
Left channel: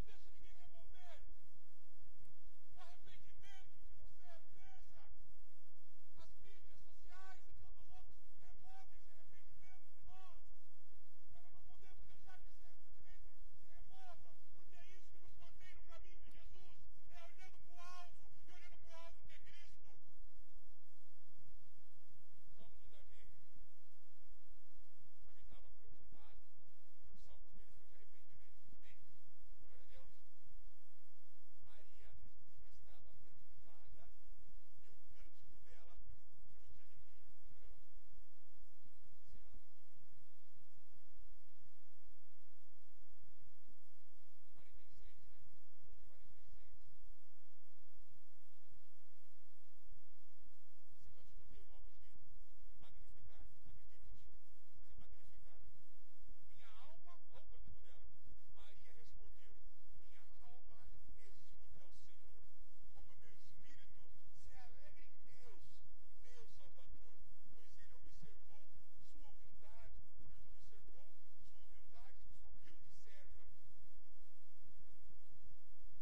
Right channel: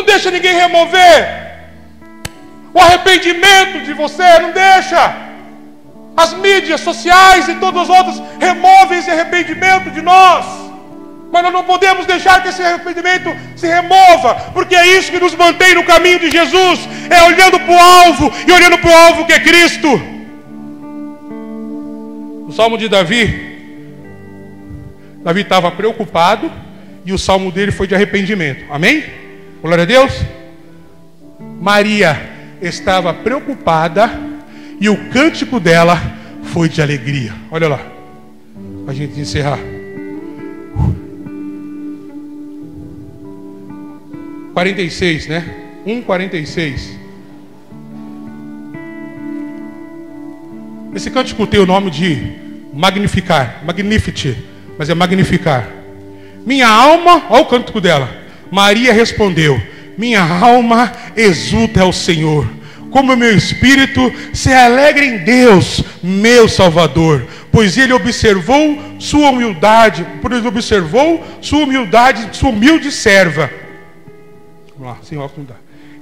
deixa ninguém remover o arrependimento de você, não deixa. As mídias sociais e todos os outros removem esse arrependimento de nós, mas nós não podemos deixar que esse arrependimento se remova, porque é isso que nos mantém no caminho de Jesus, é olhando para o alvo, e olhando para o alvo que é Cristo. O Salmo de Davi estava preocupado, e o salmo dele foi de arrependimento. Amém? Glória a Deus. Maria estava preocupada, e o cântico dela foi de alegria. Olha lá, para a gente encerrar. 46, né? 1:46. Esse cântico tem o nome de magnificar, magnificat, mas é magnificar. Minha alma, olha o cântico dela. Maria respondeu: minha alma exulta ao Senhor, como o meu espírito se alegra em Deus, meu Salvador, pois Ele observou sua humildade, sua humilde serva. Vamos lá, sem óculos não dá.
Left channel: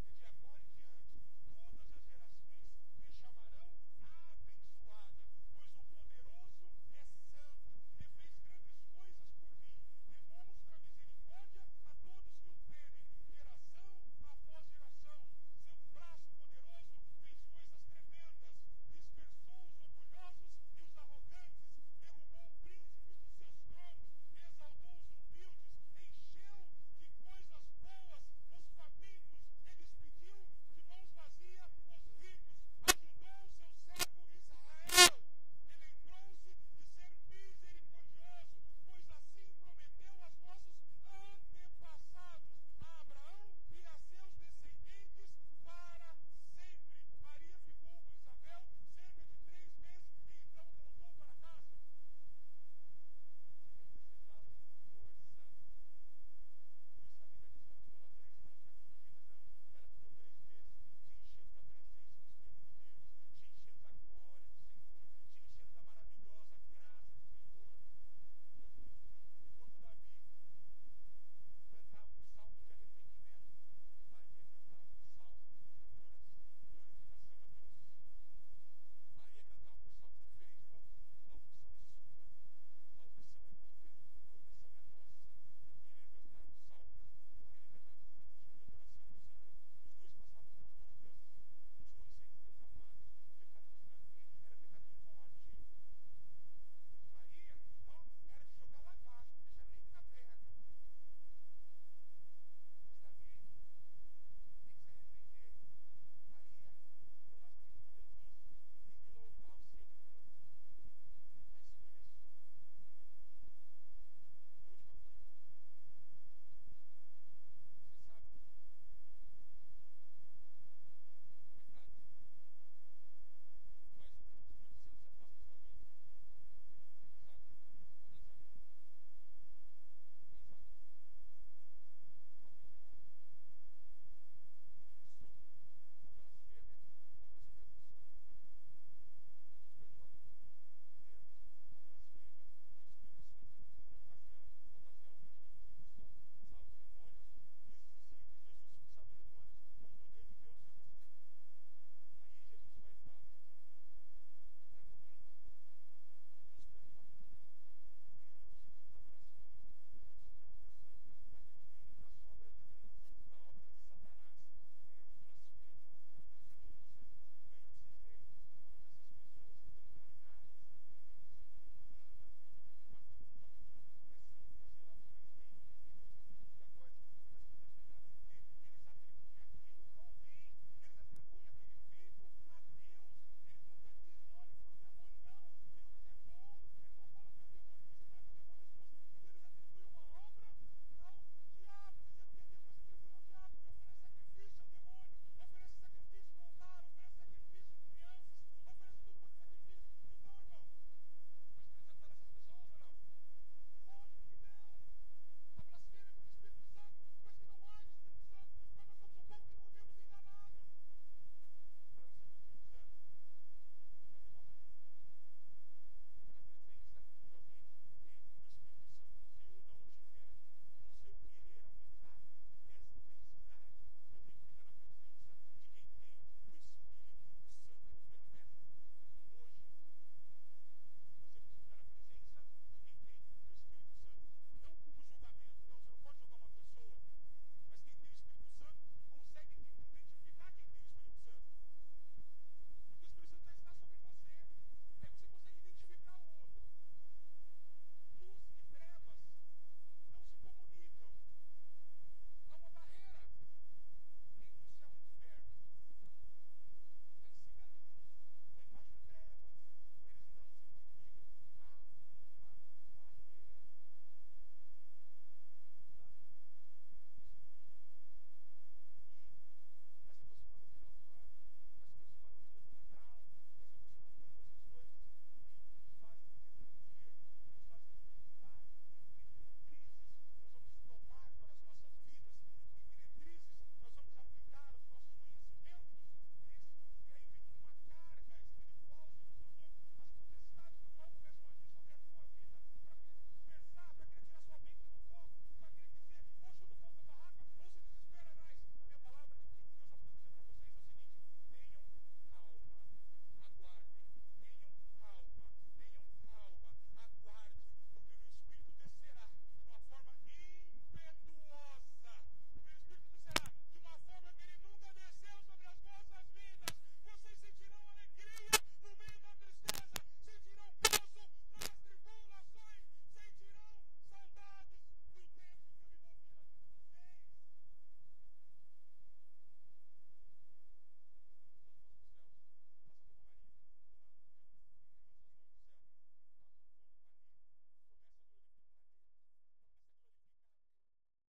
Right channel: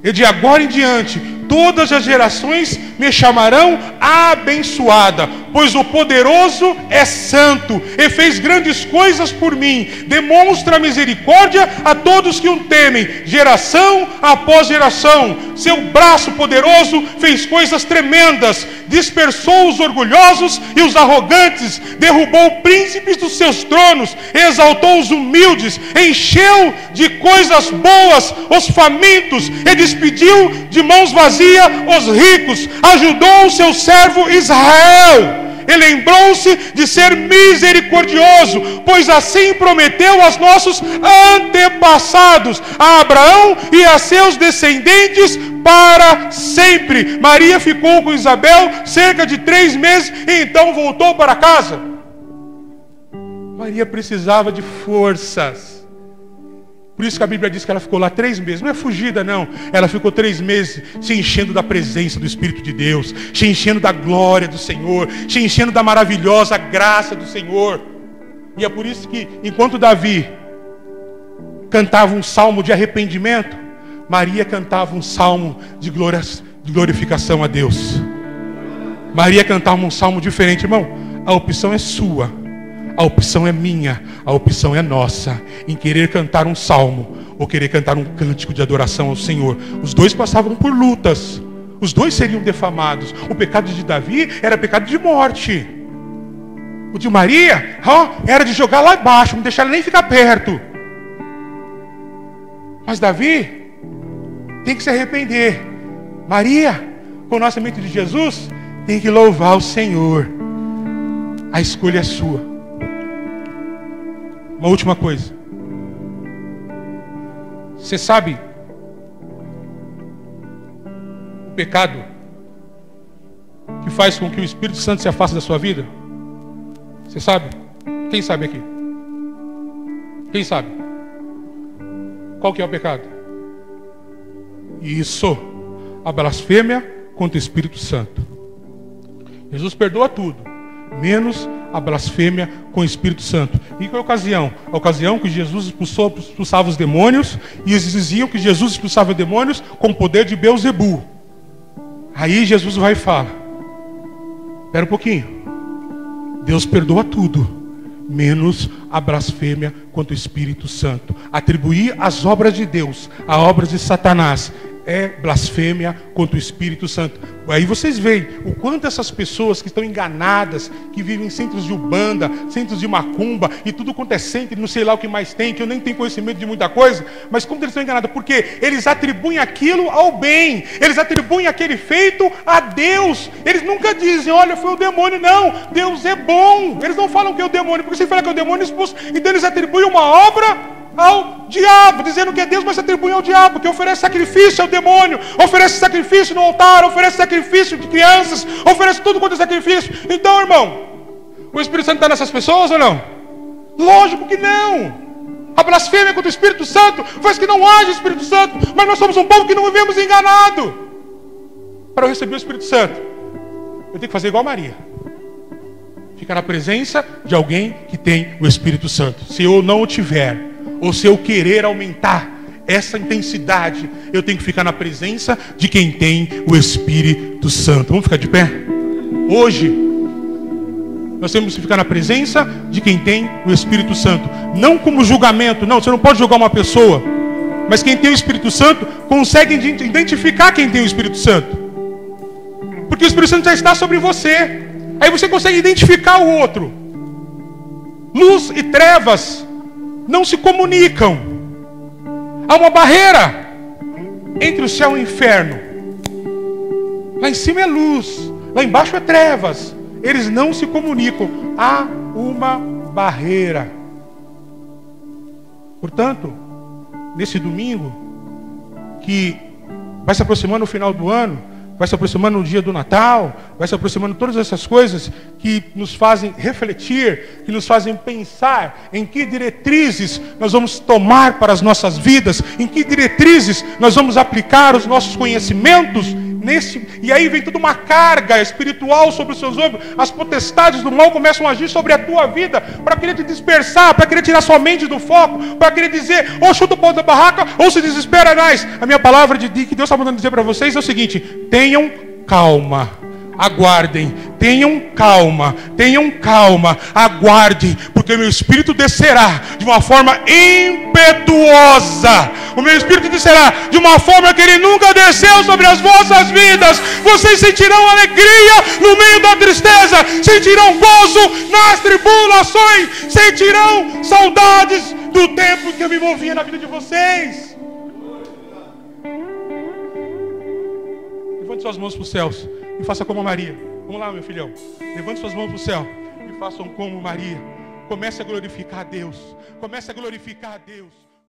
E de agora em diante, todas as gerações me chamarão abençoada, pois o poderoso é santo e fez grandes coisas por mim. Demonstra misericórdia a todos que o temem, geração após geração. Seu braço poderoso fez coisas tremendas, dispersou os orgulhosos e os arrogantes, derrubou príncipes dos seus tronos, exaltou os humildes, encheu de coisas boas os famintos e despediu de mãos vazias os ricos, ajudou o seu servo Israel. Ele lembrou-se de ser misericordioso, pois assim prometeu aos nossos antepassados, a Abraão e a seus descendentes para sempre. Maria ficou com Isabel cerca de 3 meses e então voltou para casa. Maria precisava de forças. Por isso que a Bíblia diz que ela ficou lá 3 meses. Não é fugida, não. Ela ficou 3 meses se enchendo da presença do Espírito de Deus, se enchendo da glória do Senhor, se enchendo da maravilhosa graça do Senhor. E é por isso que, enquanto Davi cantava um salmo de arrependimento, Maria cantava um salmo de glorificação a Deus. Maria cantava um salmo diferente. Irmão, a opção é sua. A opção é minha, a opção é nossa, em querer cantar um salmo ou querer cantar um cântico de adoração ao Senhor. Os dois passavam por lutas, os dois seriam defamados. O pecado de Davi era pecado de morte. O de Maria era de jogar lá embaixo, não deixar ela nem ficar perto. Mas Davi tem que se arrepender. Maria, com o nascimento de Jesus, tem que louvar o Senhor. A escolha é sua. Uma última coisa. Você sabe o pecado que faz com que o Espírito Santo se afaste da sua vida? Você sabe? Quem sabe aqui? Quem sabe? Qual que é o pecado? Isso, a blasfêmia contra o Espírito Santo. Jesus perdoa tudo, menos a blasfêmia com o Espírito Santo. E qual é a ocasião? A ocasião que Jesus expulsava os demônios, e eles diziam que Jesus expulsava demônios com o poder de Beelzebu. Aí Jesus vai e fala: espera um pouquinho, Deus perdoa tudo, menos a blasfêmia contra o Espírito Santo. Atribuir as obras de Deus a obras de Satanás é blasfêmia contra o Espírito Santo. Aí vocês veem o quanto essas pessoas que estão enganadas, que vivem em centros de umbanda, centros de macumba, e tudo quanto é centro, não sei lá o que mais tem, que eu nem tenho conhecimento de muita coisa, mas como eles estão enganados? Porque eles atribuem aquilo ao bem, eles atribuem aquele feito a Deus. Eles nunca dizem, olha, foi o demônio. Não, Deus é bom. Eles não falam que é o demônio, porque se fala que é o demônio expulso, então eles atribuem uma obra ao diabo, dizendo que é Deus, mas atribui ao diabo, que oferece sacrifício ao demônio, oferece sacrifício no altar, oferece sacrifício de crianças, oferece tudo quanto é sacrifício. Então, irmão, o Espírito Santo está nessas pessoas ou não? Lógico que não. A blasfêmia contra o Espírito Santo faz que não haja Espírito Santo, mas nós somos um povo que não vivemos enganado. Para eu receber o Espírito Santo, eu tenho que fazer igual a Maria, ficar na presença de alguém que tem o Espírito Santo. Se eu não o tiver, ou se eu querer aumentar essa intensidade, eu tenho que ficar na presença de quem tem o Espírito Santo. Vamos ficar de pé? Hoje nós temos que ficar na presença de quem tem o Espírito Santo. Não como julgamento, não, você não pode julgar uma pessoa, mas quem tem o Espírito Santo consegue identificar quem tem o Espírito Santo, porque o Espírito Santo já está sobre você. Aí você consegue identificar o outro. Luz e trevas não se comunicam. Há uma barreira entre o céu e o inferno. Lá em cima é luz, lá embaixo é trevas. Eles não se comunicam. Há uma barreira. Portanto, nesse domingo, que vai se aproximando o final do ano, vai se aproximando o dia do Natal, vai se aproximando todas essas coisas que nos fazem refletir, que nos fazem pensar em que diretrizes nós vamos tomar para as nossas vidas, em que diretrizes nós vamos aplicar os nossos conhecimentos. E aí vem toda uma carga espiritual sobre os seus ombros. As potestades do mal começam a agir sobre a tua vida, para querer te dispersar, para querer tirar sua mente do foco, para querer dizer, ou chuta o pau da barraca, ou se desespera mais. A minha palavra que Deus está mandando dizer para vocês é o seguinte: tenham calma, aguardem, tenham calma, aguardem, porque o meu Espírito descerá de uma forma impetuosa. O meu Espírito descerá de uma forma que ele nunca desceu sobre as vossas vidas. Vocês sentirão alegria no meio da tristeza, sentirão gozo nas tribulações, sentirão saudades do tempo que eu me movia na vida de vocês. Levante suas mãos para os céus e faça como a Maria. Vamos lá, meu filhão. Levante suas mãos para o céu e façam como Maria. Comece a glorificar a Deus. Comece a glorificar a Deus.